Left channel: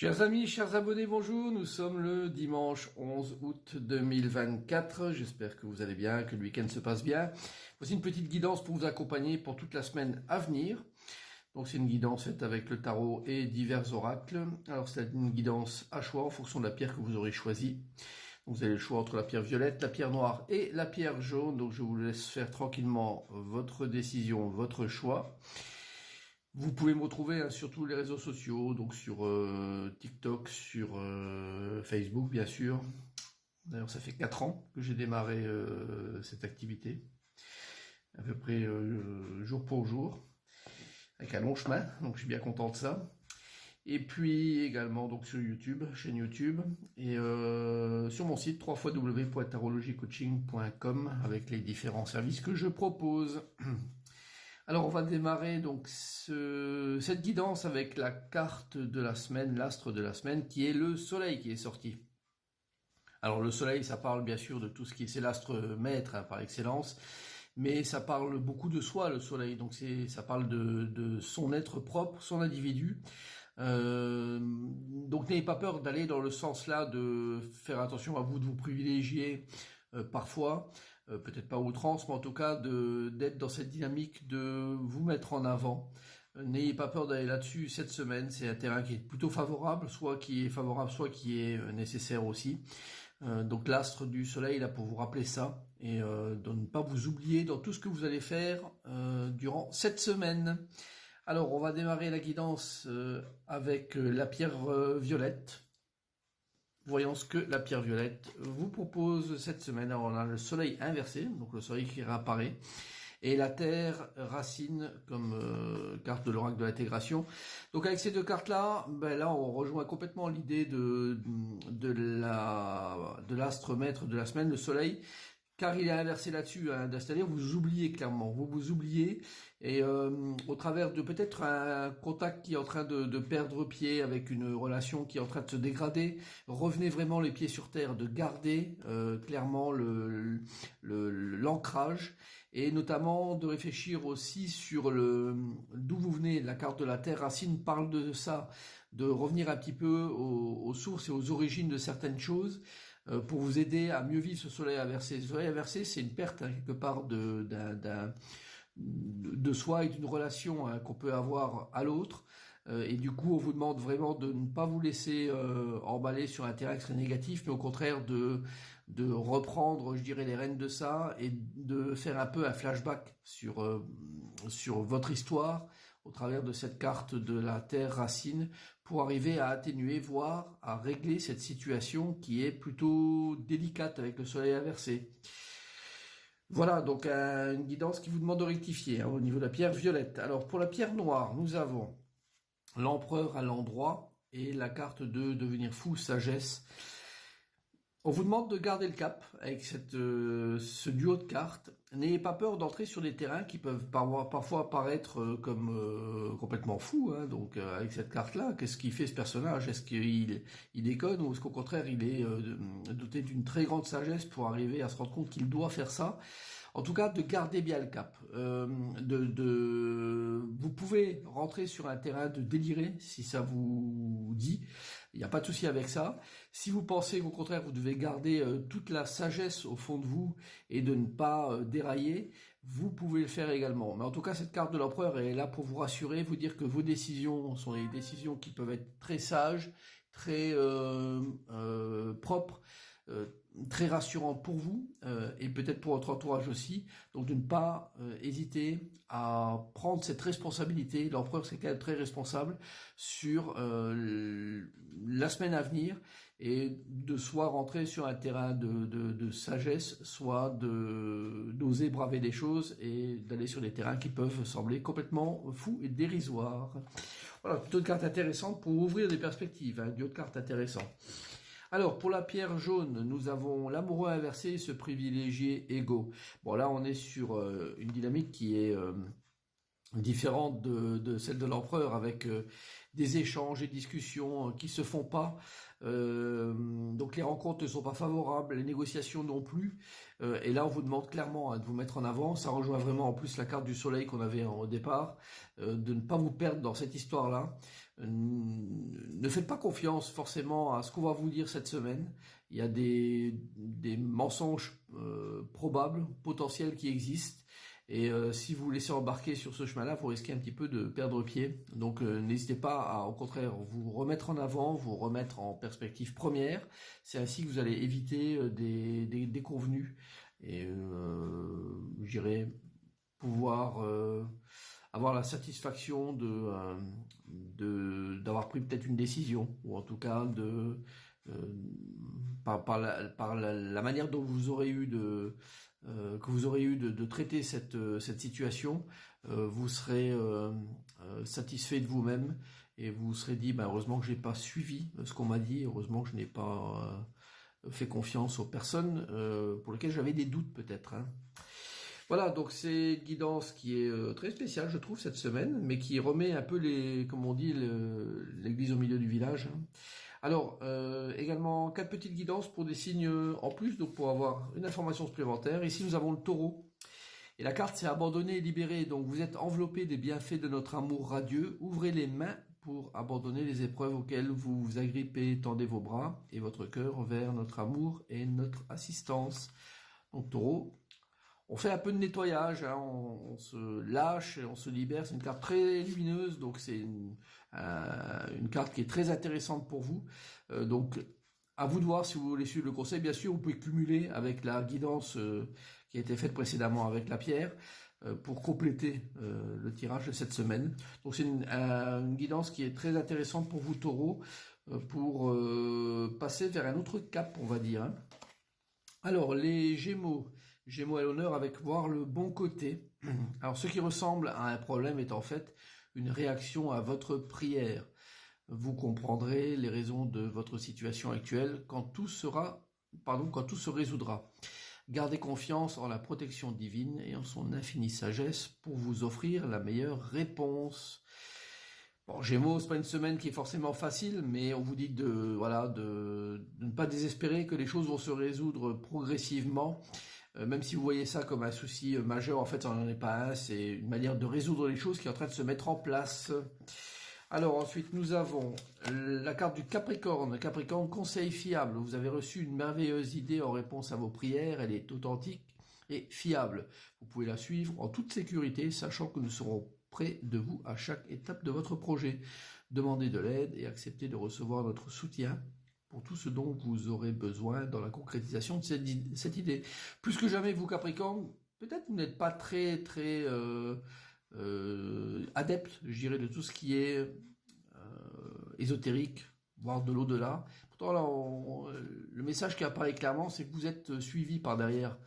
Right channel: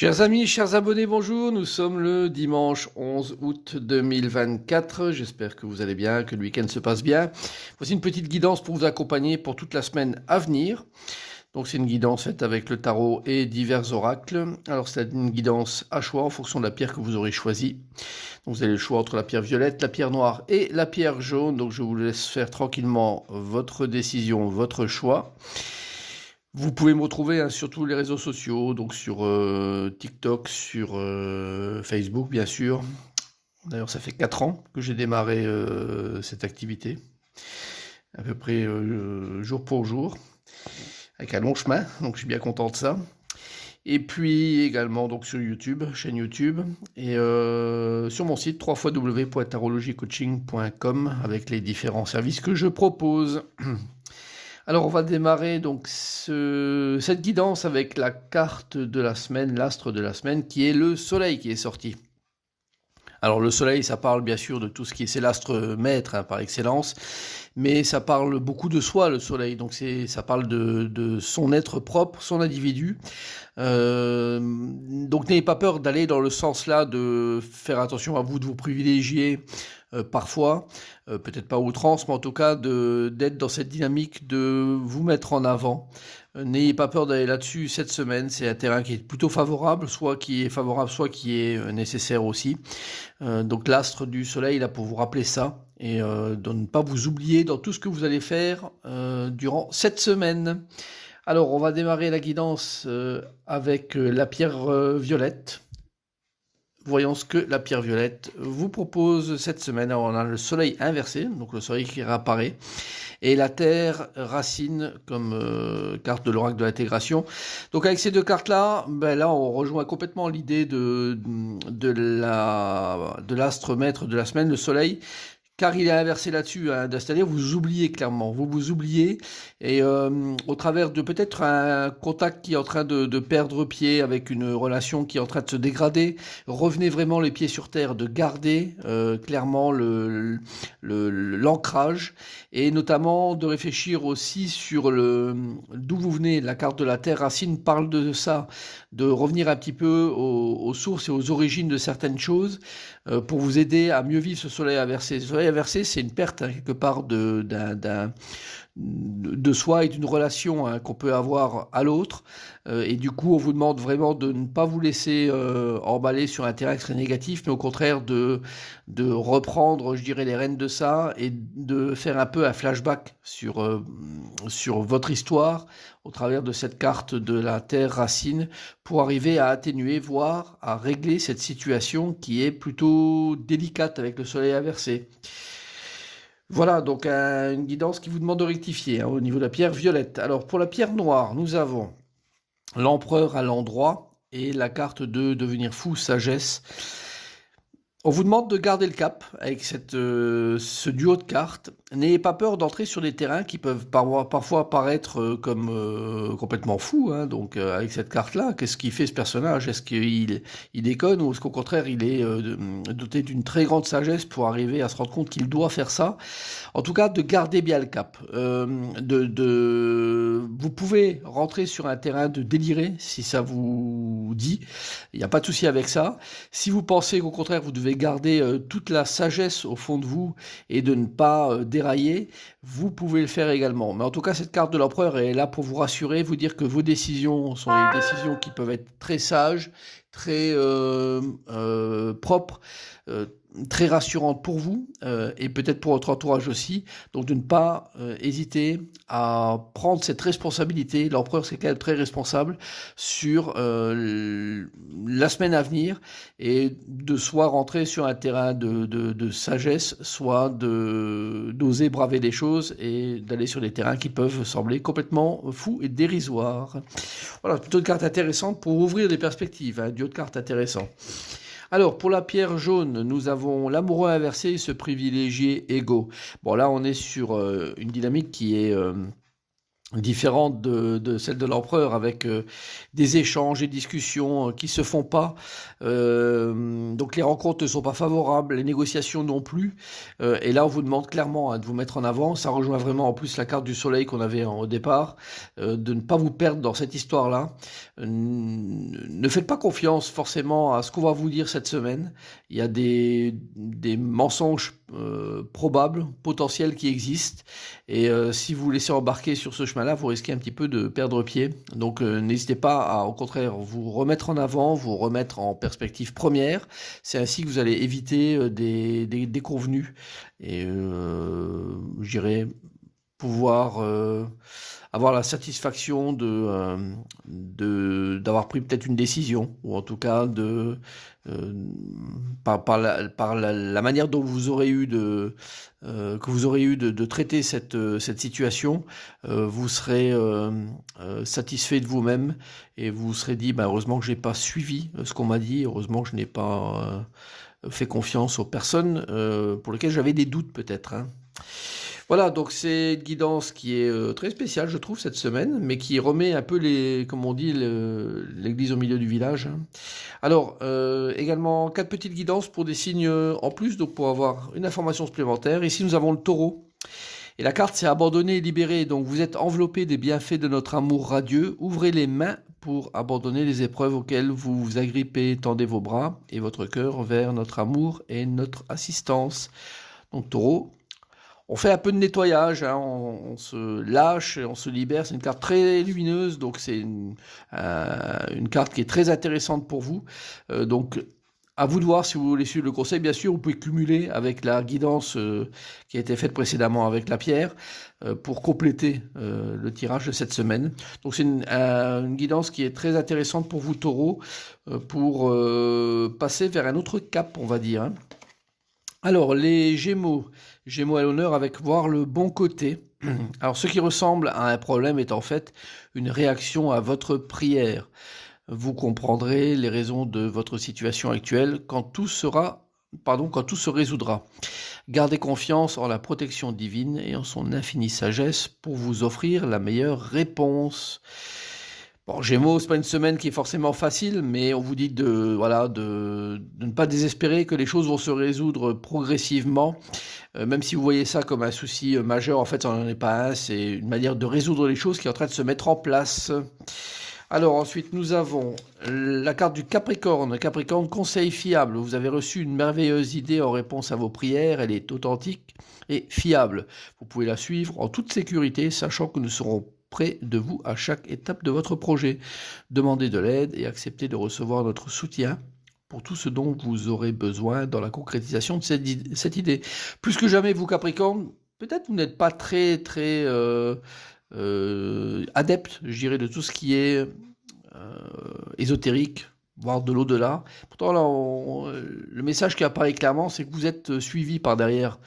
Chers amis, chers abonnés, bonjour. Nous sommes le dimanche 11 août 2024. J'espère que vous allez bien, que le week-end se passe bien. Voici une petite guidance pour vous accompagner pour toute la semaine à venir. Donc c'est une guidance faite avec le tarot et divers oracles. Alors c'est une guidance à choix en fonction de la pierre que vous aurez choisie. Donc vous avez le choix entre la pierre violette, la pierre noire et la pierre jaune. Donc je vous laisse faire tranquillement votre décision, votre choix. Vous pouvez me retrouver sur tous les réseaux sociaux, donc sur TikTok, sur Facebook bien sûr. D'ailleurs ça fait 4 ans que j'ai démarré cette activité, à peu près jour pour jour, avec un long chemin, donc je suis bien content de ça. Et puis également donc sur YouTube, chaîne YouTube, et sur mon site www.tarologycoaching.com avec les différents services que je propose. Alors on va démarrer donc cette guidance avec la carte de la semaine, l'astre de la semaine, qui est le soleil qui est sorti. Alors le soleil, ça parle bien sûr de tout ce qui est, c'est l'astre maître par excellence, mais ça parle beaucoup de soi, le soleil, donc ça parle de son être propre, son individu. Donc n'ayez pas peur d'aller dans le sens là, de faire attention à vous, de vous privilégier parfois, peut-être pas à outrance, mais en tout cas d'être dans cette dynamique de vous mettre en avant. N'ayez pas peur d'aller là-dessus cette semaine, c'est un terrain qui est plutôt favorable, soit qui est favorable, soit qui est nécessaire aussi. Donc l'astre du soleil est là pour vous rappeler ça, et de ne pas vous oublier dans tout ce que vous allez faire durant cette semaine. Alors on va démarrer la guidance avec la pierre violette. Voyons ce que la pierre violette vous propose cette semaine. Alors, on a le soleil inversé, donc le soleil qui réapparaît, et la terre racine comme carte de l'oracle de l'intégration. Donc avec ces deux cartes-là, là on rejoint complètement l'idée de l'astre maître de la semaine, le soleil, car il est inversé là-dessus, hein, c'est-à-dire vous oubliez clairement, vous oubliez, et au travers de peut-être un contact qui est en train de perdre pied, avec une relation qui est en train de se dégrader, revenez vraiment les pieds sur terre, de garder clairement l'ancrage, et notamment de réfléchir aussi sur d'où vous venez. La carte de la terre racine parle de ça, de revenir un petit peu aux sources et aux origines de certaines choses, pour vous aider à mieux vivre ce soleil inversé. Le soleil inversé, c'est une perte, hein, quelque part de soi et d'une relation, hein, qu'on peut avoir à l'autre. Et du coup, on vous demande vraiment de ne pas vous laisser emballer sur un terrain très négatif, mais au contraire de reprendre, je dirais, les rênes de ça, et de faire un peu un flashback sur votre histoire au travers de cette carte de la terre racine, pour arriver à atténuer, voire à régler cette situation qui est plutôt délicate avec le soleil inversé. Voilà, donc une guidance qui vous demande de rectifier, hein, au niveau de la pierre violette. Alors pour la pierre noire, nous avons l'empereur à l'endroit et la carte de devenir fou, sagesse. On vous demande de garder le cap avec ce duo de cartes. N'ayez pas peur d'entrer sur des terrains qui peuvent parfois paraître comme complètement fous, hein. Donc avec cette carte-là, qu'est-ce qu'il fait ce personnage? Est-ce qu'il déconne, ou est-ce qu'au contraire il est doté d'une très grande sagesse pour arriver à se rendre compte qu'il doit faire ça? En tout cas, de garder bien le cap. Vous pouvez rentrer sur un terrain de délirer si ça vous dit. Il n'y a pas de souci avec ça. Si vous pensez qu'au contraire vous devez garder toute la sagesse au fond de vous et de ne pas dérailler, vous pouvez le faire également. Mais en tout cas, cette carte de l'empereur est là pour vous rassurer, vous dire que vos décisions sont des décisions qui peuvent être très sages, très propres, très rassurantes pour vous, et peut-être pour votre entourage aussi. Donc de ne pas hésiter à prendre cette responsabilité. L'empereur, c'est quand même très responsable sur la semaine à venir, et de soit rentrer sur un terrain de sagesse, soit d'oser braver des choses et d'aller sur des terrains qui peuvent sembler complètement fous et dérisoires. Voilà, plutôt une carte intéressante pour ouvrir des perspectives, un duo de cartes intéressant. Alors, pour la pierre jaune, nous avons l'amoureux inversé et ce privilégié égaux. Bon, là, on est sur une dynamique qui est différente de celle de l'empereur, avec des échanges et discussions qui se font pas. Donc les rencontres ne sont pas favorables, les négociations non plus. Et là, on vous demande clairement de vous mettre en avant. Ça rejoint vraiment en plus la carte du soleil qu'on avait au départ, de ne pas vous perdre dans cette histoire-là. Ne faites pas confiance forcément à ce qu'on va vous dire cette semaine. Il y a des mensonges probables, potentiels qui existent. Et si vous vous laissez embarquer sur ce chemin-là, vous risquez un petit peu de perdre pied. Donc n'hésitez pas à, au contraire, vous remettre en avant, vous remettre en perspective première. C'est ainsi que vous allez éviter des déconvenus et je dirais pouvoir avoir la satisfaction d'avoir pris peut-être une décision, ou en tout cas euh, par la manière dont vous aurez eu que vous aurez eu de traiter cette situation, vous serez satisfait de vous-même et vous vous serez dit, bah, heureusement que je n'ai pas suivi ce qu'on m'a dit, heureusement que je n'ai pas fait confiance aux personnes pour lesquelles j'avais des doutes peut-être, hein. Voilà, donc c'est une guidance qui est très spéciale, je trouve, cette semaine, mais qui remet un peu comme on dit, l'église au milieu du village, hein. Alors, également, 4 petites guidances pour des signes en plus, donc pour avoir une information supplémentaire. Ici, nous avons le taureau. Et la carte, c'est abandonner et libérer. Donc, vous êtes enveloppé des bienfaits de notre amour radieux. Ouvrez les mains pour abandonner les épreuves auxquelles vous vous agrippez. Tendez vos bras et votre cœur vers notre amour et notre assistance. Donc, taureau, on fait un peu de nettoyage, hein, on se lâche, et on se libère. C'est une carte très lumineuse, donc c'est une carte qui est très intéressante pour vous. Donc, à vous de voir si vous voulez suivre le conseil. Bien sûr, vous pouvez cumuler avec la guidance qui a été faite précédemment avec la pierre pour compléter le tirage de cette semaine. Donc, c'est une guidance qui est très intéressante pour vous, taureau, pour passer vers un autre cap, on va dire, hein. Alors, les Gémeaux. Gémeaux à l'honneur avec voir le bon côté. Alors, ce qui ressemble à un problème est en fait une réaction à votre prière. Vous comprendrez les raisons de votre situation actuelle quand tout se résoudra. Gardez confiance en la protection divine et en son infinie sagesse pour vous offrir la meilleure réponse. Bon, Gémeaux, c'est pas une semaine qui est forcément facile, mais on vous dit de ne pas désespérer, que les choses vont se résoudre progressivement. Même si vous voyez ça comme un souci majeur, en fait, ça n'en est pas un. C'est une manière de résoudre les choses qui est en train de se mettre en place. Alors ensuite, nous avons la carte du Capricorne. Capricorne, conseil fiable. Vous avez reçu une merveilleuse idée en réponse à vos prières. Elle est authentique et fiable. Vous pouvez la suivre en toute sécurité, sachant que nous serons près de vous à chaque étape de votre projet. Demandez de l'aide et acceptez de recevoir notre soutien pour tout ce dont vous aurez besoin dans la concrétisation de cette idée. Plus que jamais, vous Capricorne, peut-être vous n'êtes pas très adepte, je dirais, de tout ce qui est ésotérique, voire de l'au-delà. Pourtant, là, le message qui apparaît clairement, c'est que vous êtes suivi par derrière.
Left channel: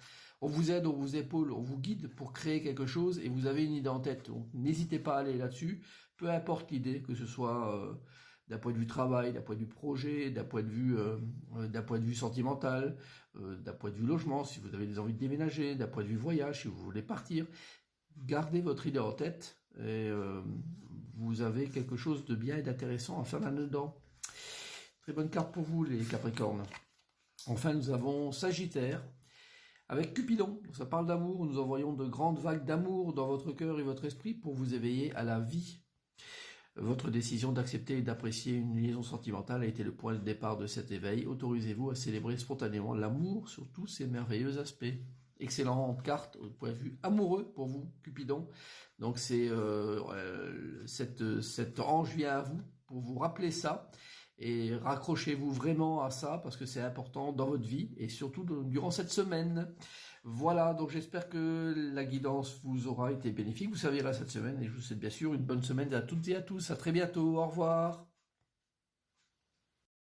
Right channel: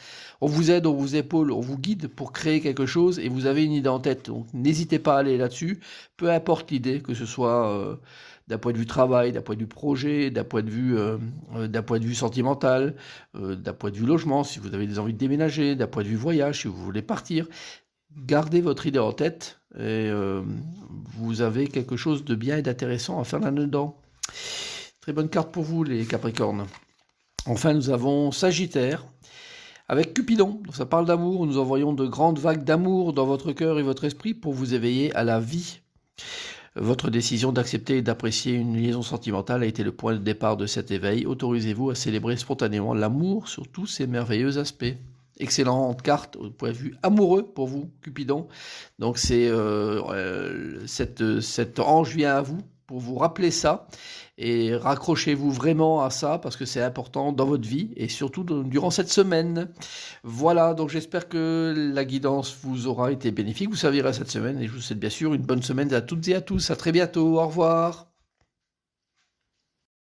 On vous aide, on vous épaule, on vous guide pour créer quelque chose et vous avez une idée en tête. Donc, n'hésitez pas à aller là-dessus, peu importe l'idée, que ce soit d'un point de vue travail, d'un point de vue projet, d'un point de vue sentimental, d'un point de vue logement, si vous avez des envies de déménager, d'un point de vue voyage, si vous voulez partir. Gardez votre idée en tête et vous avez quelque chose de bien et d'intéressant à faire là-dedans. Très bonne carte pour vous, les Capricornes. Enfin, nous avons Sagittaire avec Cupidon. Donc, ça parle d'amour. Nous envoyons de grandes vagues d'amour dans votre cœur et votre esprit pour vous éveiller à la vie. Votre décision d'accepter et d'apprécier une liaison sentimentale a été le point de départ de cet éveil. Autorisez-vous à célébrer spontanément l'amour sur tous ses merveilleux aspects. Excellente carte au point de vue amoureux pour vous, Cupidon. Donc cette ange vient à vous pour vous rappeler ça et raccrochez-vous vraiment à ça parce que c'est important dans votre vie et surtout durant cette semaine. Voilà, donc j'espère que la guidance vous aura été bénéfique, vous servira cette semaine et je vous souhaite bien sûr une bonne semaine à toutes et à tous. À très bientôt, au revoir.